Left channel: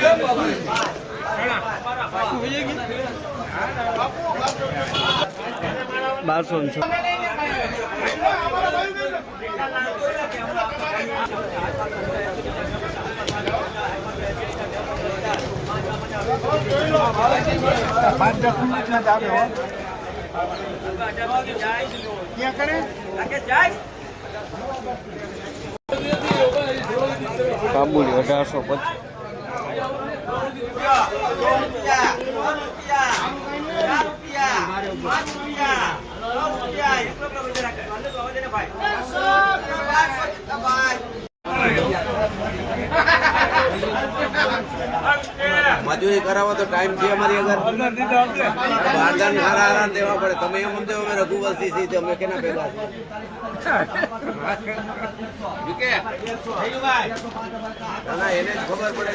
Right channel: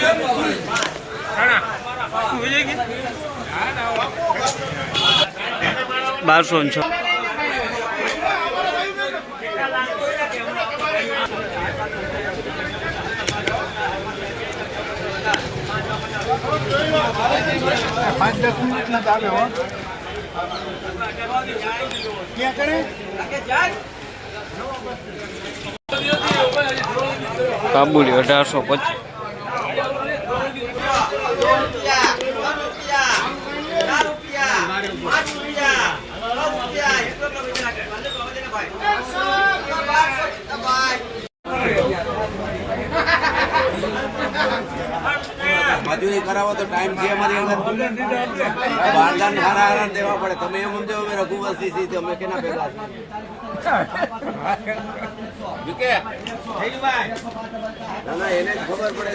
₹1200 5-10 minute ના આવે હો ક્યાં કરે કાબુલી 1825 મજૂરી કરાવો તો ટાઈમ છે અમારી બારગાન સારા દેવા પડે તમે એમ સમજો અમે રઘુવંશી છીએ અમે કેના પેલા એને ખબર પડે